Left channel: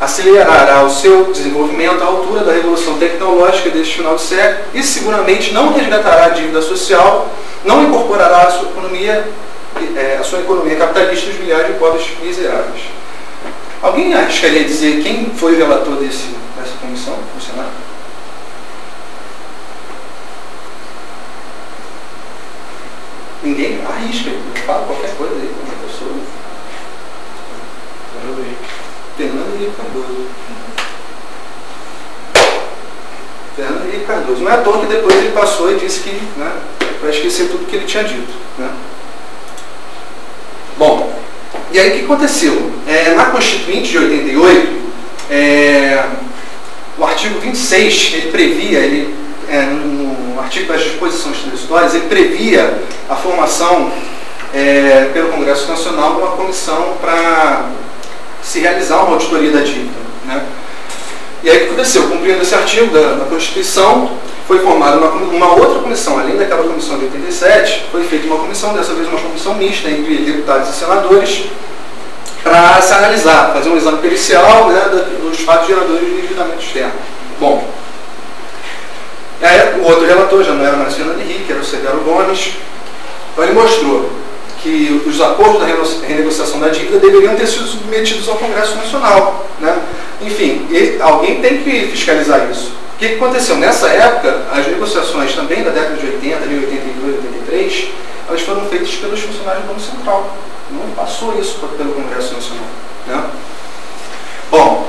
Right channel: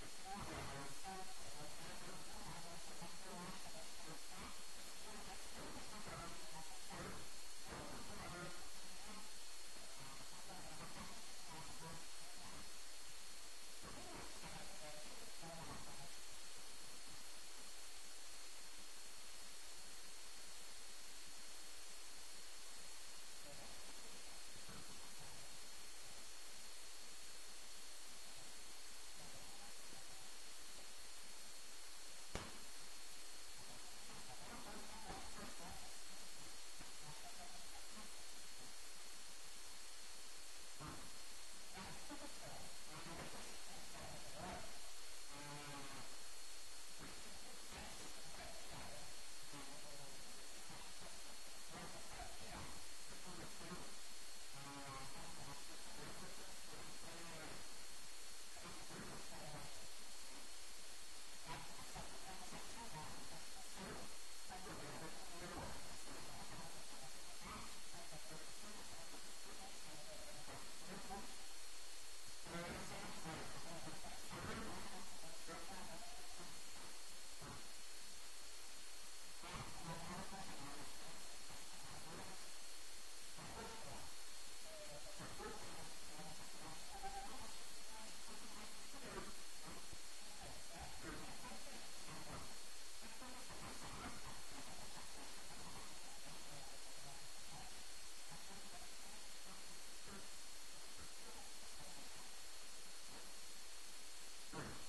acelerará o seu desenvolvimento à altura da revolução tecnológica deste final do século e seguramente não resgatará a dívida social, não incorporará a sua economia capitalista os milhares de pobres miseráveis. Alguém arriscaria dizer quem foi o relator dessa comissão no Senado? Ninguém arrisca, fala qualquer coisa aí, uma pessoa. Fernando Henrique Cardoso. Fernando Henrique Cardoso. Não é à toa que depois ele passou e disse que, né, para esquecer tudo que ele tinha dito. Né? Bom, e aí o que aconteceu? Na Constituinte de 88, o artigo 26, ele previa, no artigo das disposições transitórias, ele previa a formação pelo Congresso Nacional de uma comissão para se realizar uma auditoria da dívida. Né? E aí o que aconteceu? Cumprindo esse artigo da Constituição, foi formada uma outra comissão, além daquela comissão de 87, foi feita uma comissão, dessa vez uma comissão mista entre deputados e senadores, para se analisar, fazer um exame pericial, né, dos fatos geradores de endividamento externo. Bom, aí, o outro relator já não era mais Fernando Henrique, era o Severo Gomes. Então ele mostrou que os acordos da renegociação da dívida deveriam ter sido submetidos ao Congresso Nacional. Né? Enfim, alguém tem que fiscalizar isso. O que aconteceu? Nessa época, as negociações também da década de 80, ali 82, 83, elas foram feitas pelos funcionários do Banco Central. Não passou isso pelo Congresso Nacional. Né? Bom,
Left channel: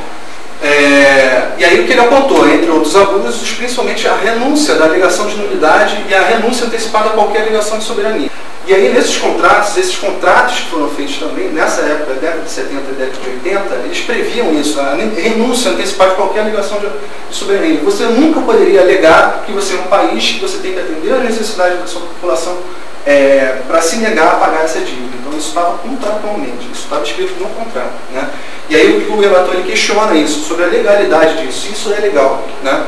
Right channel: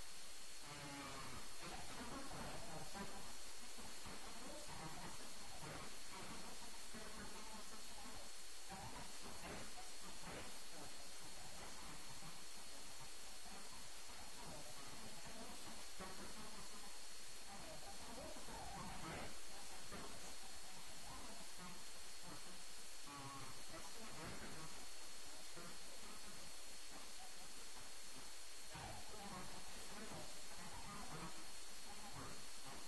e aí o que ele apontou, entre outros abusos, principalmente a renúncia da alegação de nulidade e a renúncia antecipada a qualquer alegação de soberania. E aí nesses contratos que foram feitos também, nessa época, década de 70 e década de 80, eles previam isso, a renúncia antecipada de qualquer alegação de soberania. Você nunca poderia alegar que você é um país que você tem que atender às necessidades da sua população para se negar a pagar essa dívida. Então isso estava contratualmente, isso estava escrito no contrato. Né? E aí o relator ele questiona isso, sobre a legalidade disso, isso é legal. Né?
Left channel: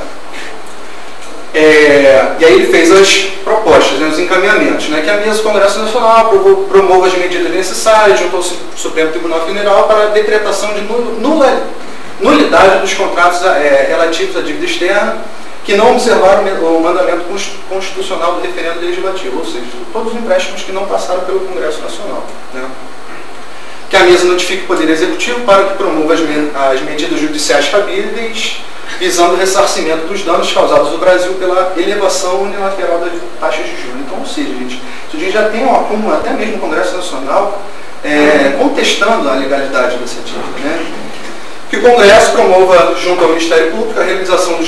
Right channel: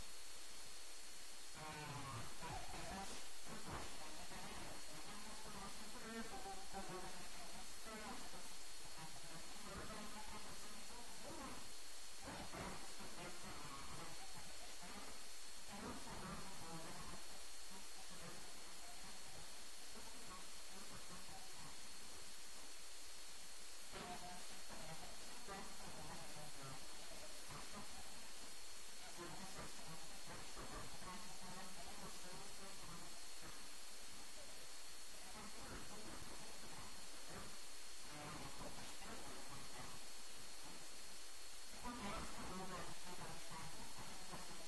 E aí ele fez as propostas, né, os encaminhamentos, né, que a mesa do Congresso Nacional promova as medidas necessárias junto ao Supremo Tribunal Federal para a decretação de nulidade dos contratos relativos à dívida externa que não observaram o mandamento constitucional do referendo legislativo, ou seja, todos os empréstimos que não passaram pelo Congresso Nacional. Né. Que a mesa notifique o Poder Executivo para que promova as medidas judiciais cabíveis, visando o ressarcimento dos danos causados no Brasil pela elevação unilateral das taxas de juros. Então, ou seja, gente, a gente já tem um acúmulo, até mesmo no Congresso Nacional, contestando a legalidade dessa dívida. Né? Que o Congresso promova, junto ao Ministério Público, a realização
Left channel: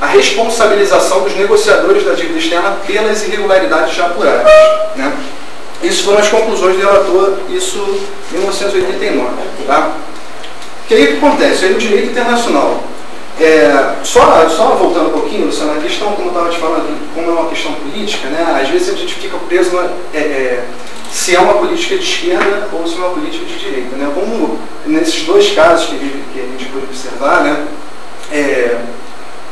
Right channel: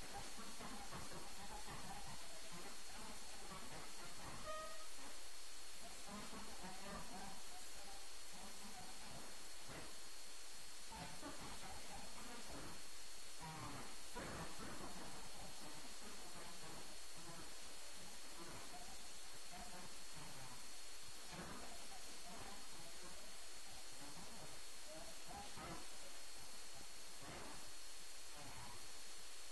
a responsabilização dos negociadores da dívida externa pelas irregularidades já apuradas. Né? Isso foram as conclusões do relator, isso em 1989. Tá? Que aí o que acontece? Aí o direito internacional. Só voltando um pouquinho, Luciano, a questão, como eu estava te falando, como é uma questão política, né, às vezes a gente fica preso se é uma política de esquerda ou se é uma política de direita. Né, como nesses dois casos que a gente pode observar, né,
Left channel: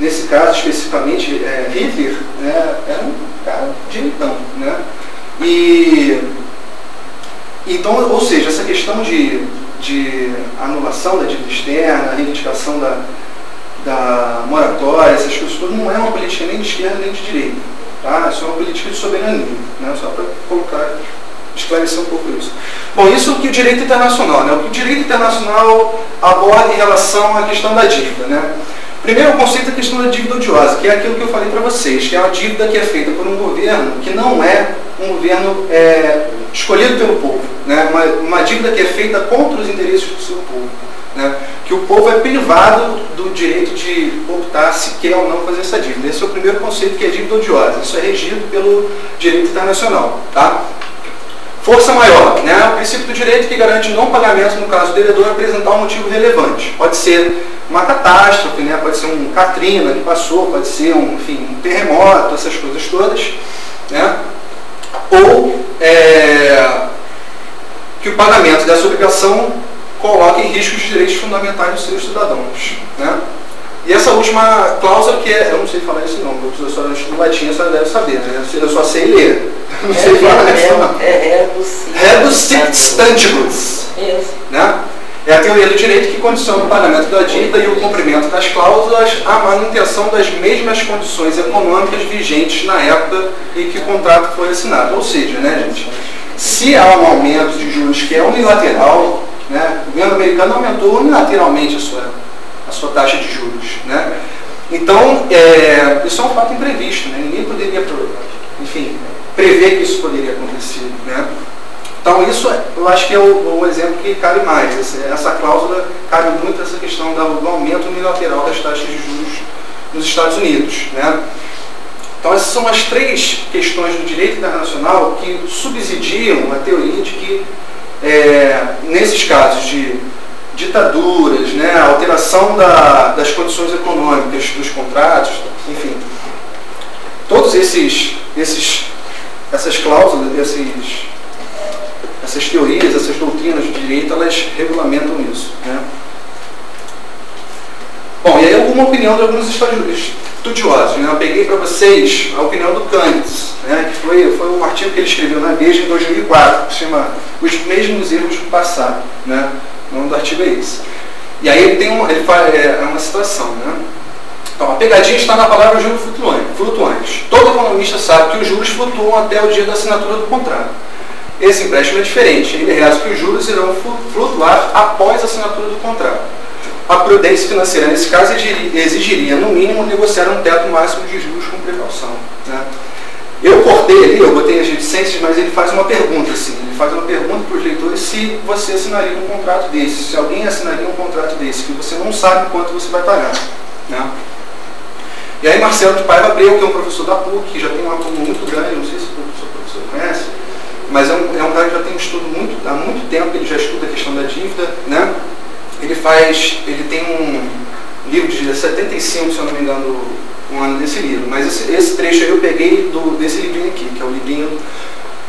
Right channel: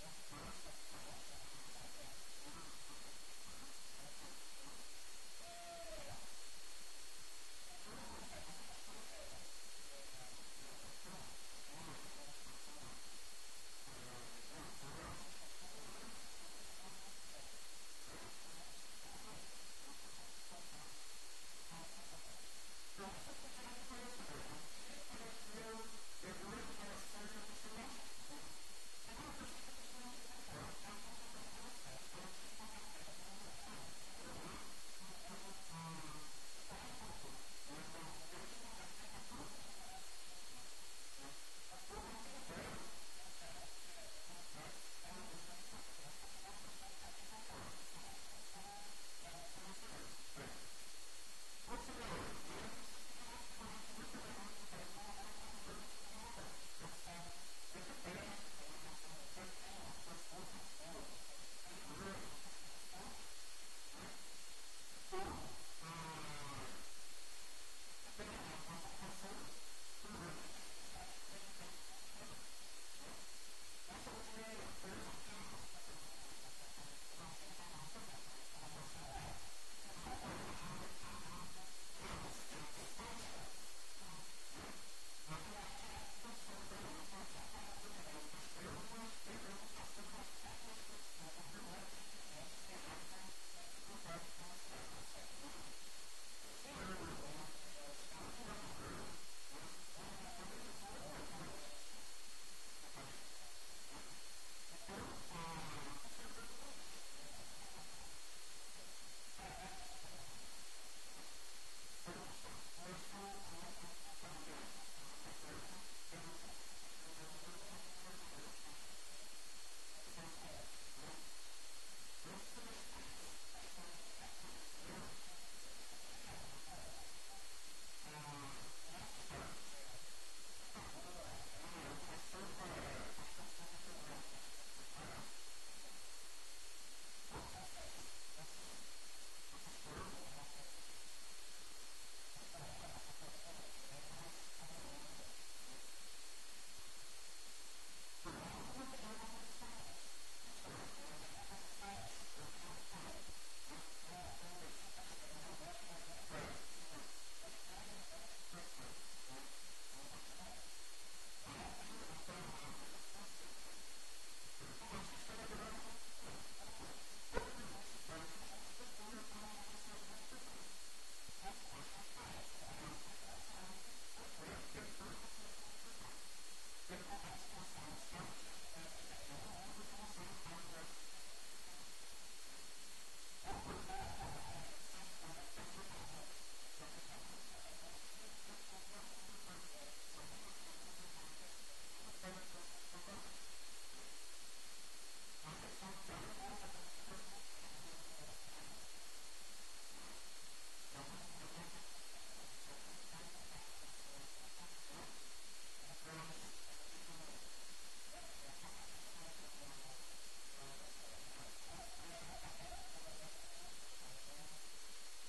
nesse caso especificamente, Hitler, né, era um cara direitão. Né, então, ou seja, essa questão de anulação da dívida externa, a reivindicação da moratória, essas coisas todas, não é uma política nem de esquerda nem de direita. Tá? Isso é uma política de soberania. Né? Só para esclarecer um pouco isso. Bom, isso é o que o direito internacional. Né? O que o direito internacional aborda em relação à questão da dívida. Né? Primeiro, o conceito da questão da dívida odiosa, que é aquilo que eu falei para vocês, que é uma dívida que é feita por um governo que não é um governo escolhido pelo povo. Né? Uma dívida que é feita contra os interesses do seu povo. Né? Que o povo é privado do direito de optar se quer ou não fazer essa dívida. Esse é o primeiro conceito, que é dívida odiosa. Isso é regido pelo direito internacional. Tá? Força maior, né? O princípio do direito que garante não pagamento no caso do devedor apresentar um motivo relevante. Pode ser uma catástrofe, né? Pode ser um Katrina que passou, pode ser um terremoto, essas coisas todas. Né? Ou que o pagamento dessa obrigação coloca em risco os direitos fundamentais dos seus cidadãos. Né? E essa última cláusula, que eu não sei falar isso não, porque a senhora estuda latim, a senhora deve saber, né? Eu só sei ler. Não sei falar isso não. Rebus sic stantibus. Isso. Né? É a teoria do direito que condiciona o pagamento da dívida e o cumprimento das cláusulas à manutenção das mesmas condições econômicas vigentes na época em que o contrato foi assinado. Ou seja, né, gente, se há um aumento de juros que é unilateral, né, o governo americano aumentou unilateralmente a sua taxa de juros, né? Então, isso é um fato imprevisto, né? Ninguém poderia, enfim, prever que isso poderia acontecer, né? Então, isso eu acho que é o exemplo que cabe mais. Essa cláusula cabe muito essa questão do aumento unilateral das taxas de juros nos Estados Unidos, né? Então, essas são as três questões do direito internacional que subsidiam a teoria de que, nesses casos de ditaduras, né, alteração das condições econômicas dos contratos, enfim, todos essas cláusulas, essas teorias, essas doutrinas do direito, elas regulamentam isso, né? Bom, e aí alguma opinião de alguns estudiosos, né? Eu peguei para vocês a opinião do Canitz, né? Que foi um artigo que ele escreveu na Veja em 2004, que se chama Os Mesmos Erros do Passado, né? O nome do artigo é esse. E aí ele faz uma citação, né? Então, a pegadinha está na palavra juros flutuantes. Todo economista sabe que os juros flutuam até o dia da assinatura do contrato. Esse empréstimo é diferente. Ele reza que os juros irão flutuar após a assinatura do contrato. A prudência financeira, nesse caso, exigiria, no mínimo, negociar um teto máximo de juros com precaução, né? Eu cortei ali, eu botei as reticências, mas ele faz uma pergunta, assim. Ele faz uma pergunta para os leitores se você assinaria um contrato desse, se alguém assinaria um contrato desse, que você não sabe quanto você vai pagar, né? E aí Marcelo de Paiva Abreu, que é um professor da PUC, que já tem um aluno muito grande, não sei se o professor conhece, mas é um cara que já tem um estudo há muito tempo, ele já estuda a questão da dívida, né? Ele tem um livro de 75, se eu não me engano, um ano desse livro, mas esse trecho aí eu peguei desse livrinho aqui, que é o livrinho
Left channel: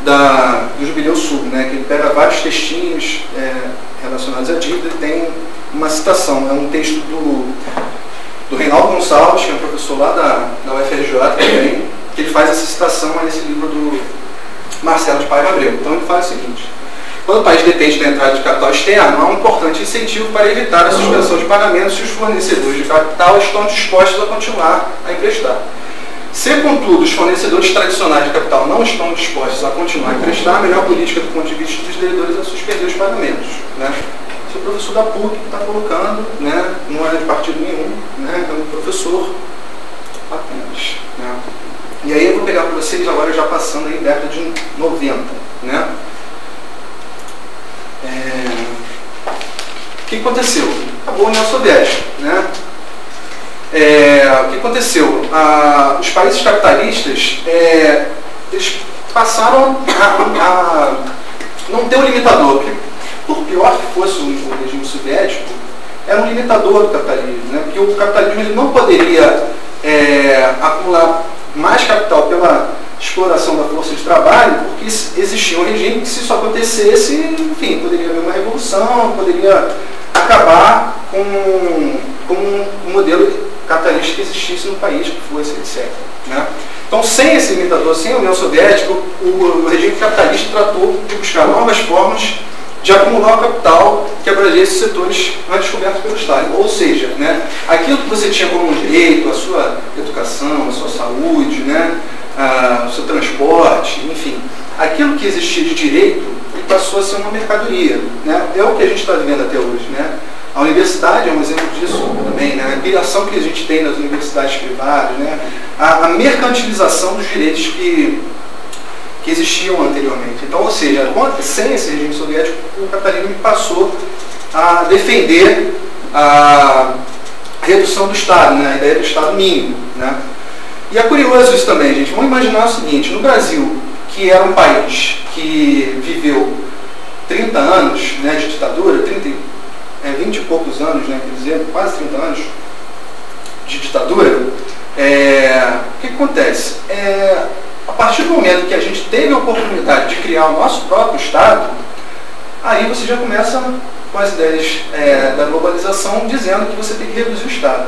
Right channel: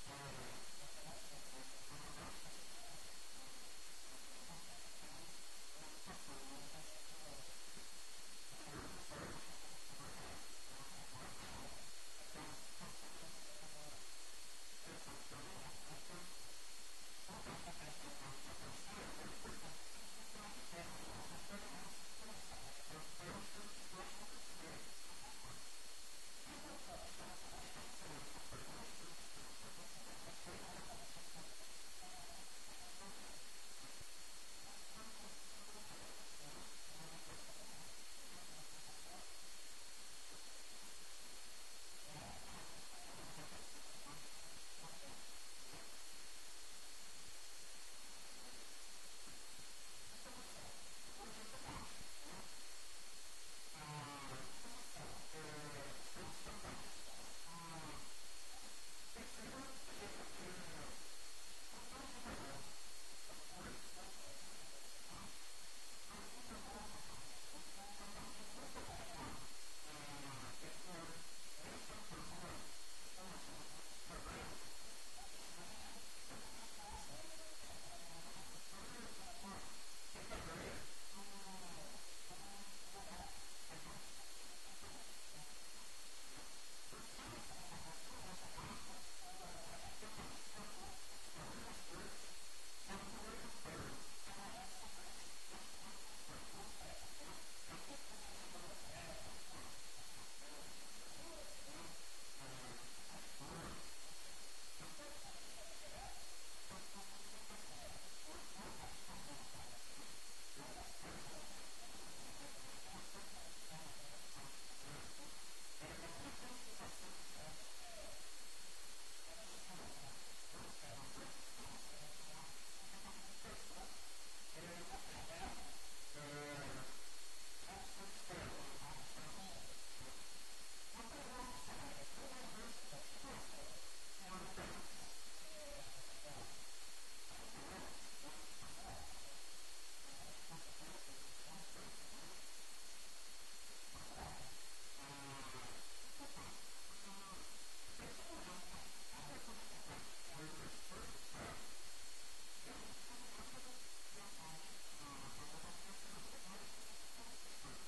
do Jubileu Sul, né? Que ele pega vários textinhos relacionados à dívida e tem uma citação, é um texto do Reinaldo Gonçalves, que é um professor lá da UFRJ também, que ele faz essa citação a esse livro do Marcelo de Paiva Abreu. Então ele faz o seguinte: quando o país depende da entrada de capital externo, há um importante incentivo para evitar a suspensão de pagamentos se os fornecedores de capital estão dispostos a continuar a emprestar. Se, contudo, os fornecedores tradicionais de capital não estão dispostos a continuar a emprestar, a melhor política do ponto de vista dos devedores é suspender os pagamentos, né? Esse é o professor da PUC que está colocando, né? Não é de partido nenhum, né? É um professor apenas, né? E aí eu vou pegar para vocês agora já passando aí década de 90, né? O que aconteceu? Acabou a União Soviética, né? O que aconteceu? Os países capitalistas eles passaram a não ter um limitador, porque por pior que fosse o regime soviético, era um limitador do capitalismo, né? Porque o capitalismo ele não poderia acumular mais capital pela exploração da força de trabalho, porque existia um regime que, se isso acontecesse, enfim, poderia haver uma revolução, poderia acabar com um modelo capitalista que existisse no país, que fosse, etc., né? Então, sem esse limitador, sem a União Soviética, o regime capitalista tratou de buscar novas formas de acumular o capital que abrangesse esses setores mais descobertos pelo Estado. Ou seja, né, aquilo que você tinha como direito, a sua educação, a sua saúde, né, o seu transporte, enfim, aquilo que existia de direito passou a ser uma mercadoria, né? É o que a gente está vivendo até hoje, né? A universidade é um exemplo disso também, né? A criação que a gente tem nas universidades privadas, né? A mercantilização dos direitos que existiam anteriormente. Então, ou seja, sem esse regime soviético, o capitalismo passou a defender a redução do Estado, né? A ideia do Estado mínimo, né? E é curioso isso também, gente. Vamos imaginar o seguinte: no Brasil, que era um país que viveu 30 anos, né, de ditadura, 20 e poucos anos, né, quer dizer, quase 30 anos de ditadura, o que acontece? A partir do momento que a gente teve a oportunidade de criar o nosso próprio Estado, aí você já começa com as ideias da globalização, dizendo que você tem que reduzir o Estado.